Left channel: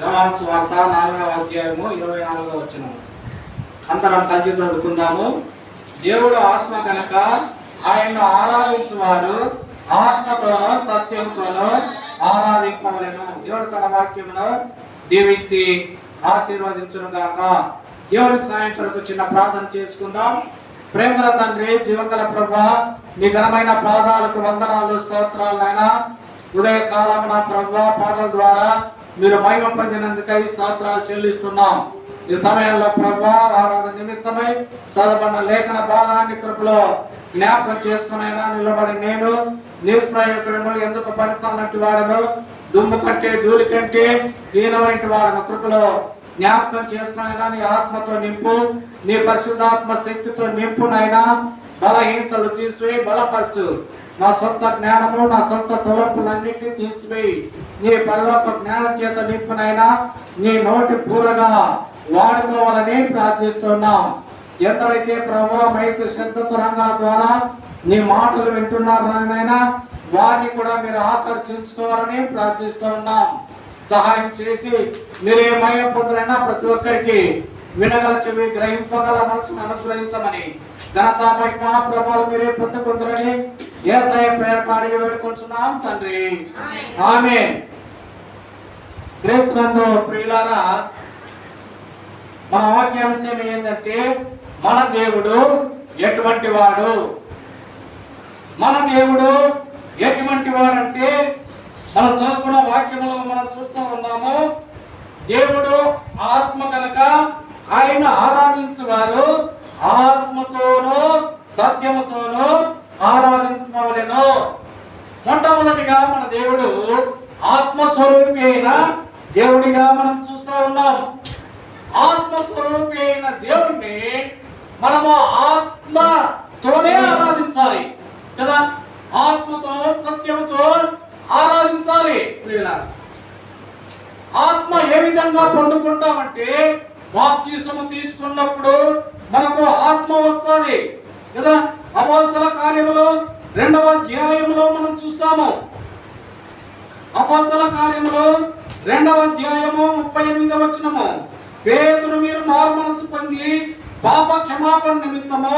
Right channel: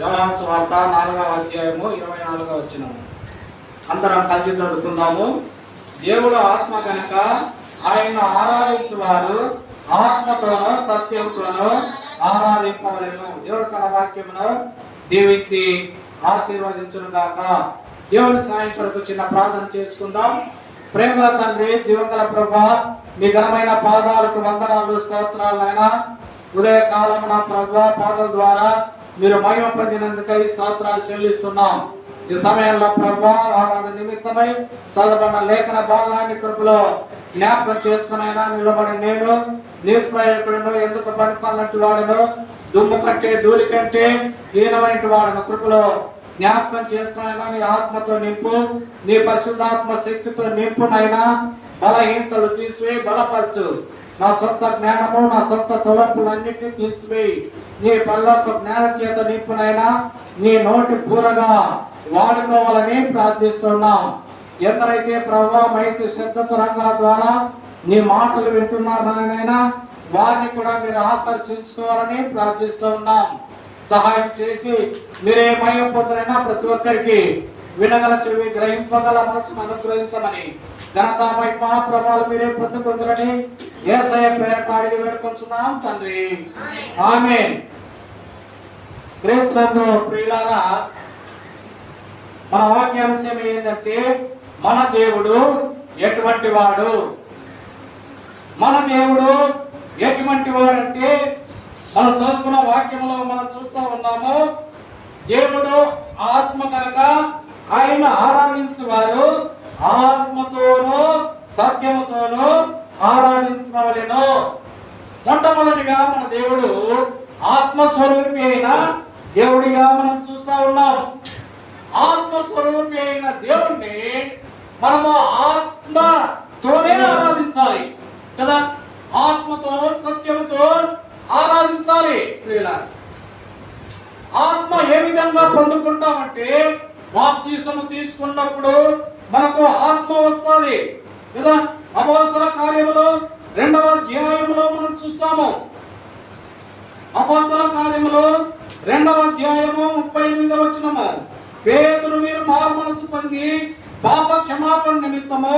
యోహాను సువార్త 4వ అధ్యాయము 24వ వచనం. అందరం కలిసి చదువుకుందాము. దేవుడు ఆత్మ కనుక ఆయన్ను ఆరాధించువారు ఆత్మతోనూ సత్యంతోనూ ఆరాధింపవలెను. దేవుడు తన వాక్యమును దీవించి ఆశీర్వదించును గాక. దేవుడి సాయం కొరకు చిన్న ప్రార్థన చేసుకుందాం. ప్రేమల తండ్రి, జీవగల ప్రభువా, నీ ఘనమైన పాదాలకు వందనాలు, స్తోత్రాలు నాయనా. ఉదయకాలమున ప్రభువా పాదాల ద్వారా మీరు మహిమ పొందినందుకై స్తోత్రాలు చెల్లిస్తున్నాం. ఈ సమయంలో ప్రభువా ఆరాధన నిమిత్తమై చదవబడిన లేఖన భాగాన్ని కృపలో జ్ఞాపకం చేసుకునైనా నిలబడి నేను నిష్ప్రయోజకుడును, ఎందుకు పనికొన్నట్టు వాడను, దుమ్ము కంటే ధూళి కంటే హీనమైన వాడను కృపలో జ్ఞాపకం చేసుకునైనా నీ ఆత్మతో నింపు, నీ పరిశుద్ధాత్మ శక్తితో నింపునైనా. బలహీనతలు తీసివేయి, బలపరచు. నా సొంత జ్ఞానము, నా సొంత తొలపులన్నింటినీ తీసివేయి. నీ పరలోక జ్ఞానం చేత నింపునైనా నీ నోటి పూరగా వాడుకోవాలని ప్రార్థిస్తున్నాం. ఎందరైతే ప్రభావ మైకు శబ్దతురంగా ద్వారా నీ మాటలు వింటున్నారనైనా వారిని కూడా మీరు ఆకర్షించుకోవాలని ప్రార్థిస్తూ ఉన్నాం. సహాయం చేసి మీరే మహిమ పొందులైనా ప్రతి ఒక్కరికి వినగల చెవి, గ్రహింపగల మనసును అనుగ్రహించమని, ఘనత మహిమ ప్రభావాలు మీరే పొందుకుంటారని యేసయ్య పేరట అడిగి వేడుకొంచున్నాం తండ్రి, ఆమేన్. క్రీస్తునందు ప్రియులారా, మన వాక్యాంశం ఏంటంటే మన దేవుడు ఎటువంటి వాడు. మన దేవుడు ఎటువంటి వాడంటే మనం చదువుకున్న వాక్యంలో మనం చూస్తూ ఉన్నాము. దేవుడు ఆత్మ కనుక ఆయన ఆరాధించువారు ఆత్మతోనూ సత్యముతోనూ ఆరాధించవలెను. మొట్టమొదటిగా మన దేవుడు ఆత్మస్వరూపి అయిన దేవుడిగా మనం చూస్తూ ఉన్నాం. ఆత్మస్వరూపి అయిన దేవుణ్ణి మనము ఆత్మతోనే ఆరాధించాలి కదా. ఆత్మతో సత్యముతో ఆరాధించాలి. ఆత్మ ఏ విధంగా పొందుకుంటామంటే బాప్తిసము తీసుకున్నప్పుడు మనకు ఆత్మ వస్తుంది కదా. అపోస్తల కార్యములు 2వ అధ్యాయములో మనం చూస్తాము. అపోస్తల కార్యములు 2వ అధ్యాయము 38వ వచనము. పేతురు మీరు మారు మనసు పొంది పాప క్షమాపణ నిమిత్తము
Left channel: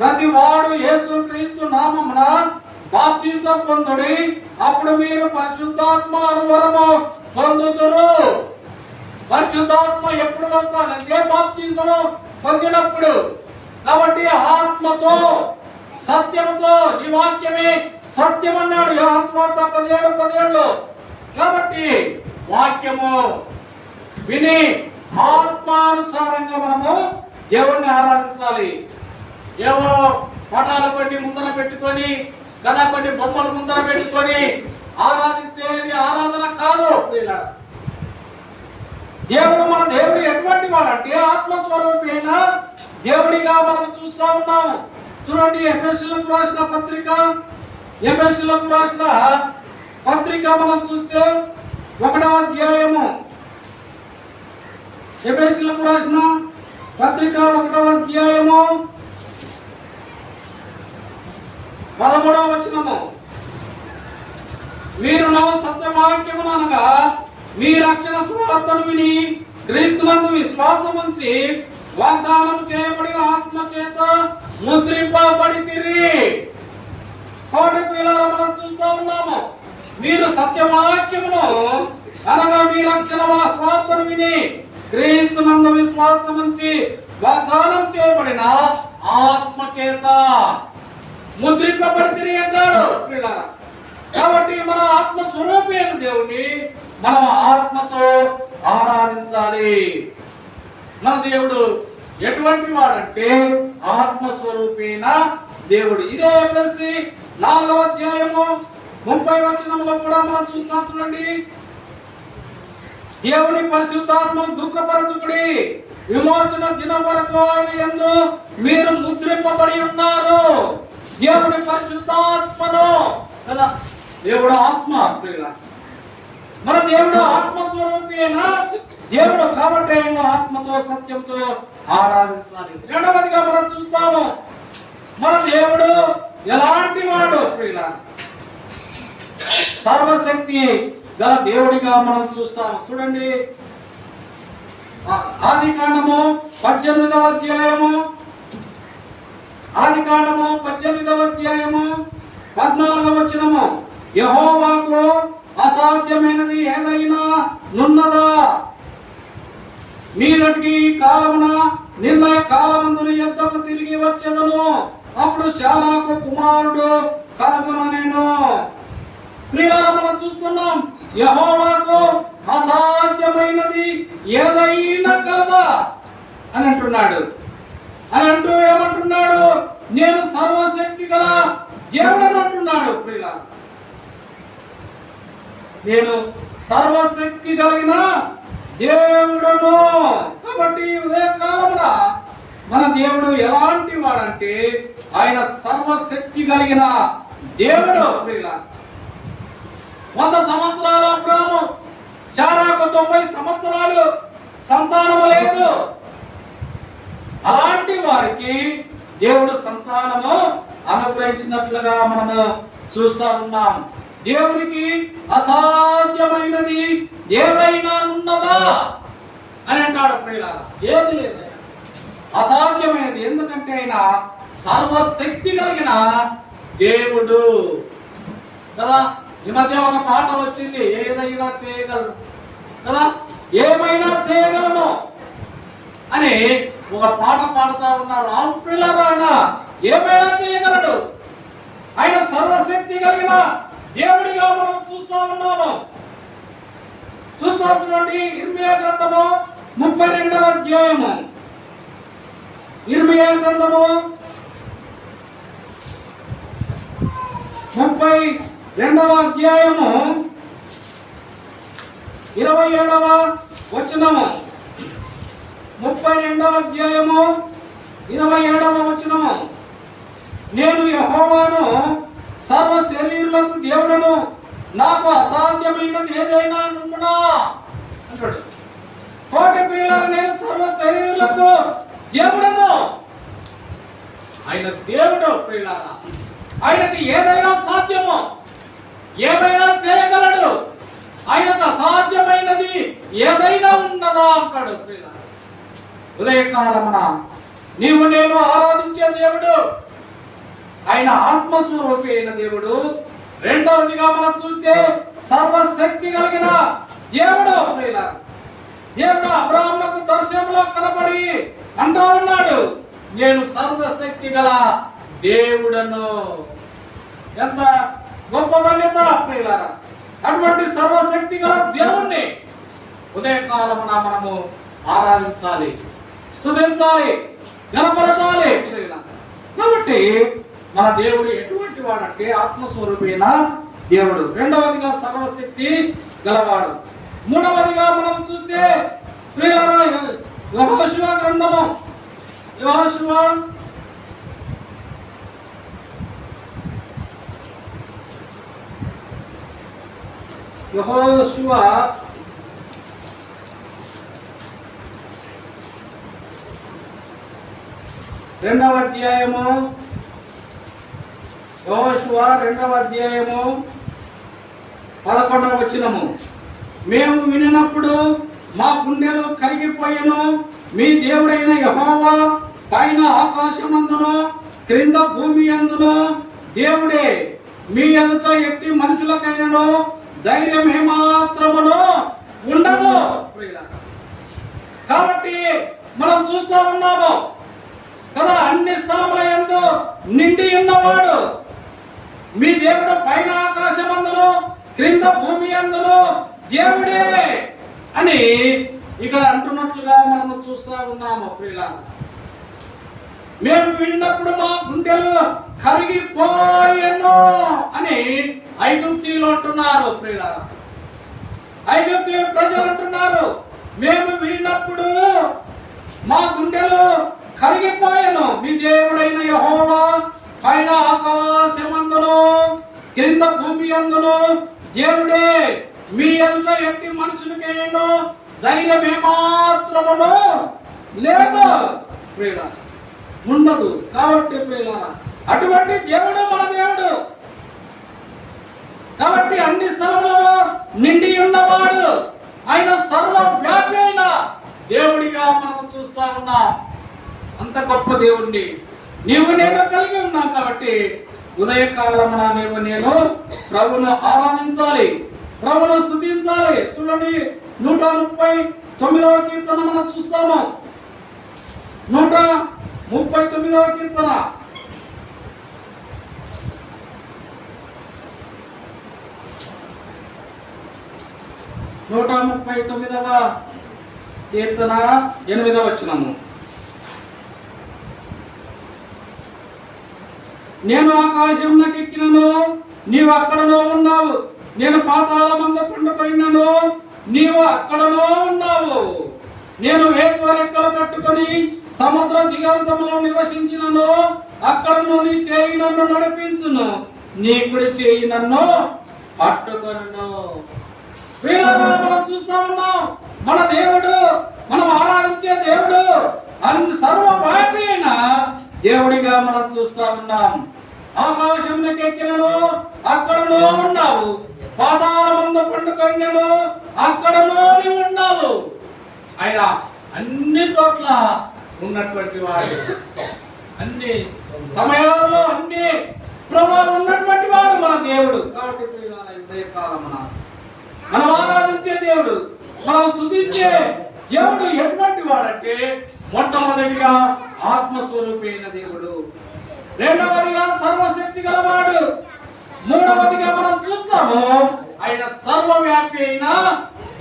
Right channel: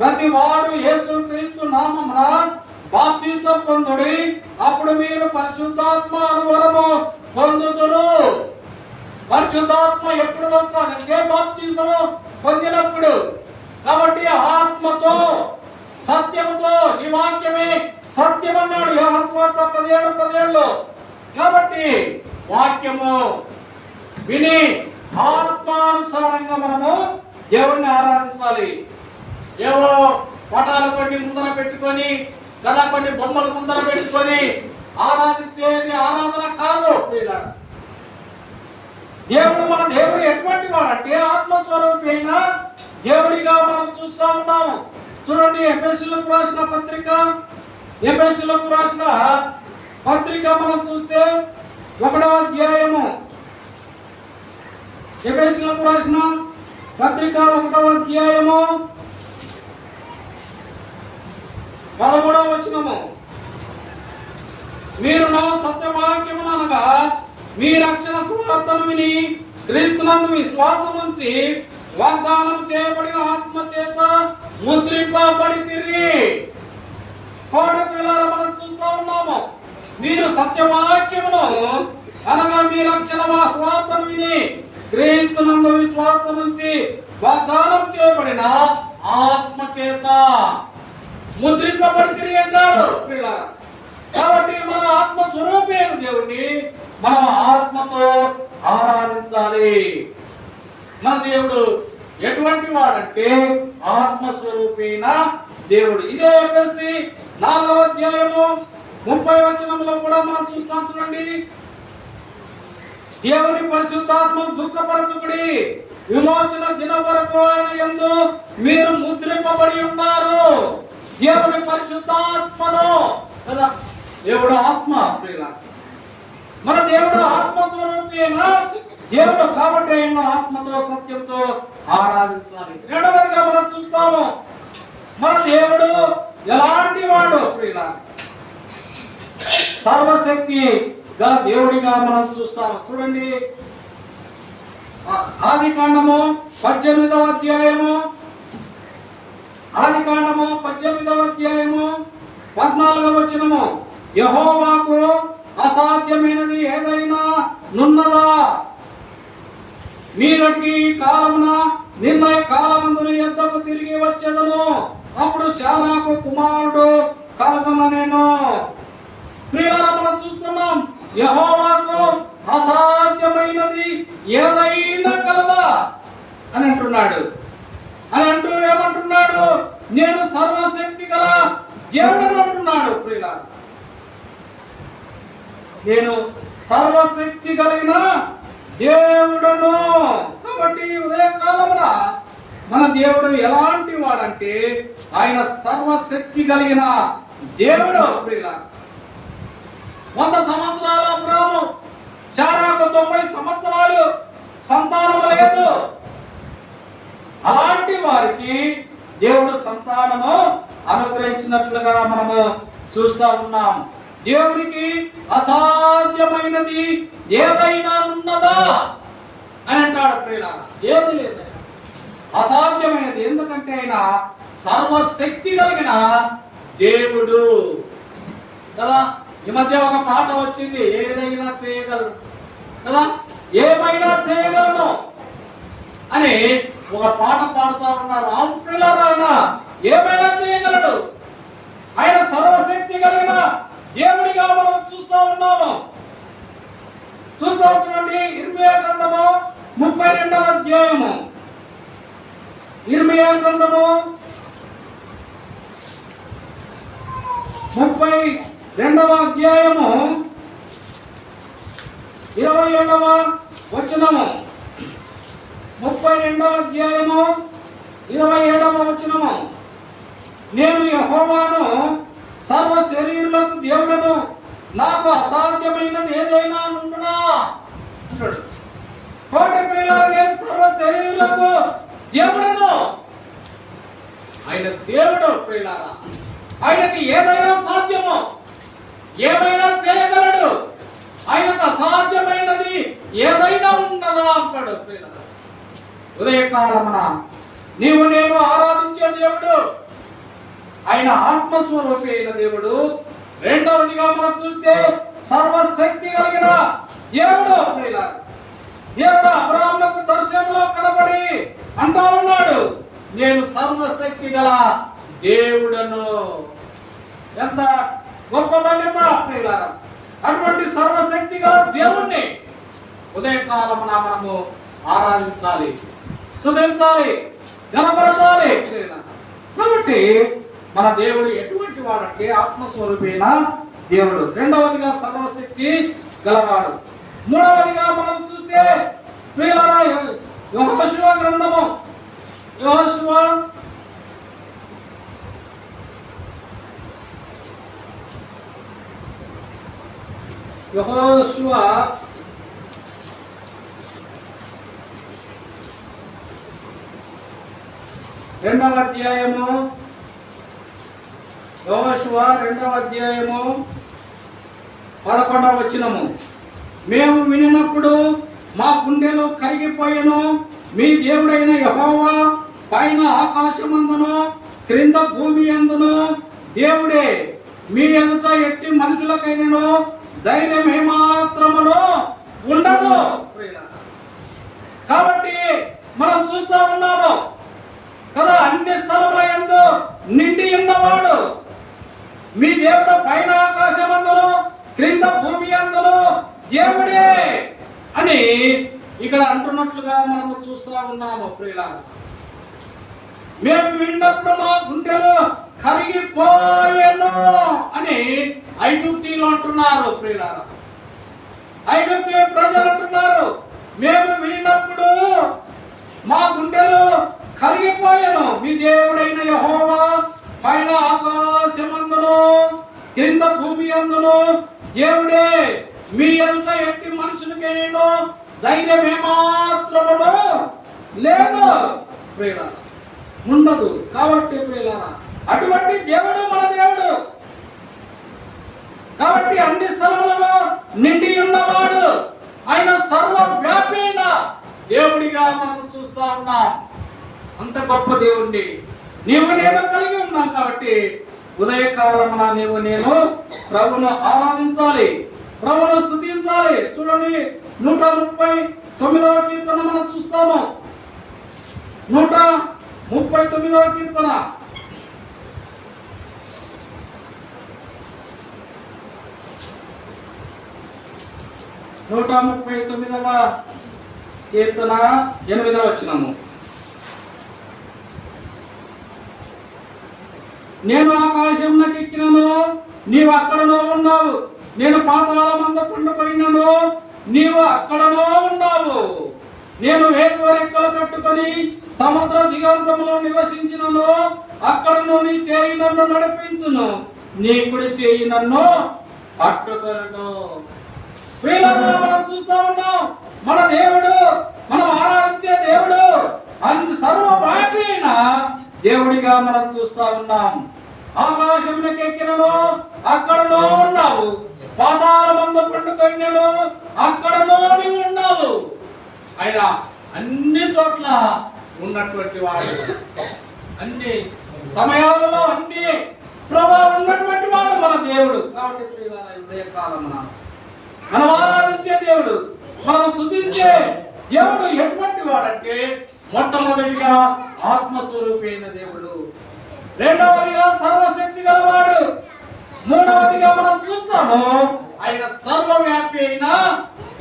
ప్రతి వాడు యేసుక్రీస్తు నామమున బాప్తిసం పొందుడి, అప్పుడు మీరు పరిశుద్ధాత్మ అనువరము పొందుదురు. పరిశుద్ధాత్మ ఎప్పుడు వస్తానంటే బాప్తిసము పొందినప్పుడు. కాబట్టి ఆత్మతో సత్యముతో, నీ వాక్యమే సత్యం అన్నాడు యోహాను సువార్త 17:17. కాబట్టి వాక్యము విని ఆత్మానుసారంగా మనము దేవుణ్ణి ఆరాధించాలి. ఏవో పటాలు కొన్ని ముందర పెట్టుకొని కదా, కొన్ని బొమ్మలు ముందర పెట్టుకొని ఆరాధిస్తే అది ఆరాధన కాదు. దేవుడు మన దేవుడు ఎటువంటి వాడంటే ఆత్మస్వరూపి అయిన దేవుడిగా మనం చూస్తూ ఉన్నాము. చూడండి, ఎఫెసీయులకు రాసిన పత్రిక మనం చూస్తే 1వ అధ్యాయము, ఎఫెసీయులకు రాసిన పత్రిక 1వ అధ్యాయము 13వ వచనము. మీరు నా సత్యవాక్యమును అనగా మీ రక్షణ సువార్తను విని క్రీస్తునందు విశ్వాసం ఉంచి వాగ్దానం చేయబడిన ఆత్మ చేత ముద్రింపబడితిరి. కోటి పిల్లలు మనం చూస్తూ ఉన్నాము. మీరు సత్యవాక్యమును అనగా మీ రక్షణ సువార్తను విని క్రీస్తునందు విశ్వాసం ఉంచి వాగ్దానం చేయబడిన ఆత్మ చేత ముద్రింపబడితిరి అన్నాడు పిల్లలు. కాబట్టి మన ఆత్మ స్వరూపి అయిన దేవుణ్ణి మనం ఆత్మతో ఆరాధించాలి. మన దేవుడు ఎటువంటి వాడంటే ఆత్మస్వరూపి అయిన దేవుడు. ఇదే వచ్చేసి 4వ అధ్యాయము 30వ వచనంలో కూడా మనం చూస్తాం. చూడండి, దేవుని పరిశుద్ధాత్మ దుఃఖపరచుకుడి, విమోచన దినం వరకు ఆయన యందు మీరు ముద్రింపబడి ఉన్నారు. దేవుని పరిశుద్ధాత్మను కదా, దేవుడు ఆత్మ. మన దేవుడు ఆత్మస్వరూపి అయిన దేవుడు కాబట్టి ఆయన ఆత్మతో సత్యంతో ఆరాధించాలి. రెండవదిగా మనం చూస్తాము, మన దేవుడు ఎలాంటి వాడు? సర్వశక్తి గల దేవుడిగా మనం చూస్తాము. చూడండి, ఆదికాండము 18వ అధ్యాయము, ఆదికాండము 18వ అధ్యాయము 14వ వచనము, యెహోవాకు అసాధ్యమైనది ఏదైనా నున్నదా? మీదటికి కాలమున నిర్ణయ కాలమందున యొద్దకు తిరిగి వచ్చేదను, అప్పుడు శారాకు కుమారుడు కలుగుననెను. ప్రియులారా, మనం చూస్తున్నాం, యెహోవాకు అసాధ్యమైనది ఏదైనా కలదా అని అంటున్నాడు. అని అంటూ ఏమంటున్నాడు? నేను సర్వశక్తి గల దేవుడని అంటున్నాడు. ప్రియులారా, నేను సర్వశక్తి కలిగిన దేవుడును. కాబట్టి ఉదయకాలమున మన దేవుడు ఎలాంటి వాడంటే ఆయన సర్వశక్తి కలిగిన దేవుడు. ప్రియులారా, 100 సంవత్సరాల అబ్రాము, శారాకు 90 సంవత్సరాలు సంతానము లేదు. అలాంటి వారికి దేవుడు సంతానము అనుగ్రహించినట్లుగా మనము చూస్తూ ఉన్నాం. దేవునికి అసాధ్యమైనది ఏదైనా ఉన్నదా అని అంటాడు. ప్రియులారా, ఏది లేదు అసాధ్యమైనది. ఎందుకంటే ఆయన సర్వశక్తి కలిగిన దేవుడు కదా. ఈ మధ్య ఒక పాట వచ్చింది, ఏదైనా చేయగలను కదా, ఏమైనా చేయగలను అని ఒక పాట పాడుతూ ఉన్నారు. ఆయన ఏమైనా చేయగలడు. ఆయన సర్వశక్తి కలిగిన దేవుడిగా మనం చూస్తూ ఉన్నాము. చూస్తూ ఉంటుండీ, ఇర్మియా గ్రంథము 32వ అధ్యాయము, ఇర్మియా గ్రంథము 32వ అధ్యాయము 27వ వచనము, 32వ అధ్యాయము 27వ వచనము, నేను యెహోవాను, సర్వ శరీరులకు దేవుడను, నాకు అసాధ్యమైనది ఏదైనా ఉండునా అంటాడు. కోటి ప్రియులారా, నేను సర్వ శరీరులకు దేవుడను. ఆయన దేవుడు. ప్రియులారా, ఆయనకి ఏదైనా సాధ్యము, ఏమైనా చేయగలడు. ఆయనకు అసాధ్యమైనది ఏదైనా ఉన్నదా అంటాడు. ప్రియులారా, ఉదయకాలమున నీవు నేను ఆరాధించే దేవుడు ఆయన ఆత్మస్వరూపి అయిన దేవుడు. రెండవదిగా మనం చూస్తే సర్వశక్తి కలిగిన దేవుడు. ప్రియులారా, దేవుడు అబ్రాహామునకు దర్శనంలో కనబడి అంటా ఉన్నాడు, నేను సర్వశక్తి గల దేవుడను. ఎంత గొప్ప ధన్యత ప్రియులారా. అటువంటి సర్వశక్తి గల దేవుణ్ణి ఉదయకాలమున మనము ఆరాధించాలి, స్తుతించాలి, గణపరచాలి ప్రియులారా. కాబట్టి మన దేవుడు ఎటువంటి వాడంటే ఆత్మస్వరూపైన దేవుడు. రెండవదిగా సర్వశక్తి గలవాడు. మూడవదిగా మనం చూస్తే ప్రియులారా, యెహోషువ గ్రంథము, యెహోషువ 2వ అధ్యాయము, యెహోషువ 2వ అధ్యాయము 11వ వచనము, మేము వినినప్పుడు మా గుండెలు కరిగిపోయెను. మీ దేవుడైన యెహోవా పైన ఆకాశమందును క్రింద భూమి అందును దేవుడే. మీ ఎదుట ఎట్టి మనుషులకైనను ధైర్యం ఏమాత్రమును ఉండదు. కాబట్టి మనం చూస్తూ ఉన్నాము కదా, అన్ని స్థలముల యందు నిండి ఉన్నవాడు మీ దేవుడు పైన ఆకాశమందును క్రింద భూమి అందును దేవుడే అని ఇక్కడ అంటున్నట్లుగా మనము చూస్తూ ఉన్నాము. ప్రియులారా, మేము విన్నప్పుడు మా గుండెలు కరిగిపోయెను అని ఐగుప్తీయులు అంటున్నారు. ప్రియులారా, ఐగుప్తీ ప్రజలు అంటున్నారు, మేము విన్నప్పుడు మా గుండెలు కరిగిపోయెను. మీ దేవుడైన యెహోవా పైన ఆకాశమందును క్రింద భూమి అందును దేవుడే. మీ ఎదుట ఎట్టి మనుషులకేనో ధైర్యం ఏమాత్రమును లేదు. ప్రియులారా, ఉండదు. కాబట్టి ప్రియులారా, అటువంటి దేవుడు మన దేవుడు. కాబట్టి అన్ని స్థలములలో నిండి ఉన్నవాడు ఆయన సర్వవ్యాపి అయిన దేవుడిగా మనం చూస్తా ఉన్నాం. అంత గొప్ప దేవుణ్ణి నీవు నేను కలిగి ఉన్నాం కాబట్టి ఉదయకాలమున నీవు నేను ప్రభును ఆరాధించాలి, ప్రభును స్తుతించాలి. చూడండి 139వ కీర్తన మనం చూస్తాము. 139వ కీర్తన. నూట 39వ కీర్తన 8వ వచనము. నేను ఆకాశంలోకి ఎక్కినను నీవు అక్కడలో ఉన్నావు, నేను పాతాళమందు పండుకొనినను నీవు అక్కడలో ఉన్నావు. నేను వేకువ రెక్కలు కట్టుకొని సముద్ర దిగంతములో నివసించినను అక్కడను నీ చేయి నన్ను నడిపించును, నీ కుడి చేయి నన్ను పట్టుకొనును. ప్రియులారా, మనం చూస్తా ఉన్నాం మన దేవుడు, మనం ఆరాధించే దేవుడు అన్ని సర్వవ్యాపి అయిన దేవుడిగా మనం చూస్తా ఉన్నాం. ఆకాశంలోకి ఎక్కినను అక్కడలో ఉన్నావు, పాతాళమందు పండుకొనినను అక్కడలో నీవు ఉన్నావు. ఆయన అన్ని చోట్ల ఉన్నటువంటి వాడు, అన్ని సమయాలలో అన్ని ప్రభావం ఉన్నటువంటి వాడు మన దేవుడు. కాబట్టి ఉదయకాలమున మనం ఆరాధించే దేవుడు, మనం స్తుతించే దేవుడు ఎటువంటి వాడంటే మొట్టమొదటిగా ఆత్మస్వరూపి అయిన దేవుడు, రెండవదిగా సర్వశక్తి గలవాడు, మూడవదిగా మనం చూస్తాము ఆయన సర్వవ్యాపి అయిన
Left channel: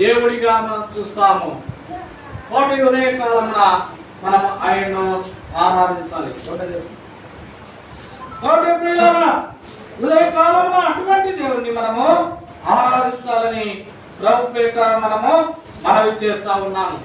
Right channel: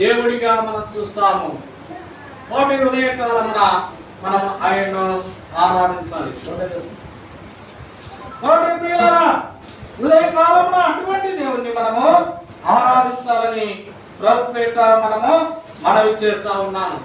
దేవుడిగా మనం చూస్తాము. కోటి ఉదయకాలమున మనం ఆయన్ను ఆరాధించాలి. కోటి ప్రియులారా, ఉదయకాలమున అటువంటి దేవుణ్ణి మనము ఆరాధించాలని ప్రభుపేట మనము మనవి చేస్తా ఉన్నాను.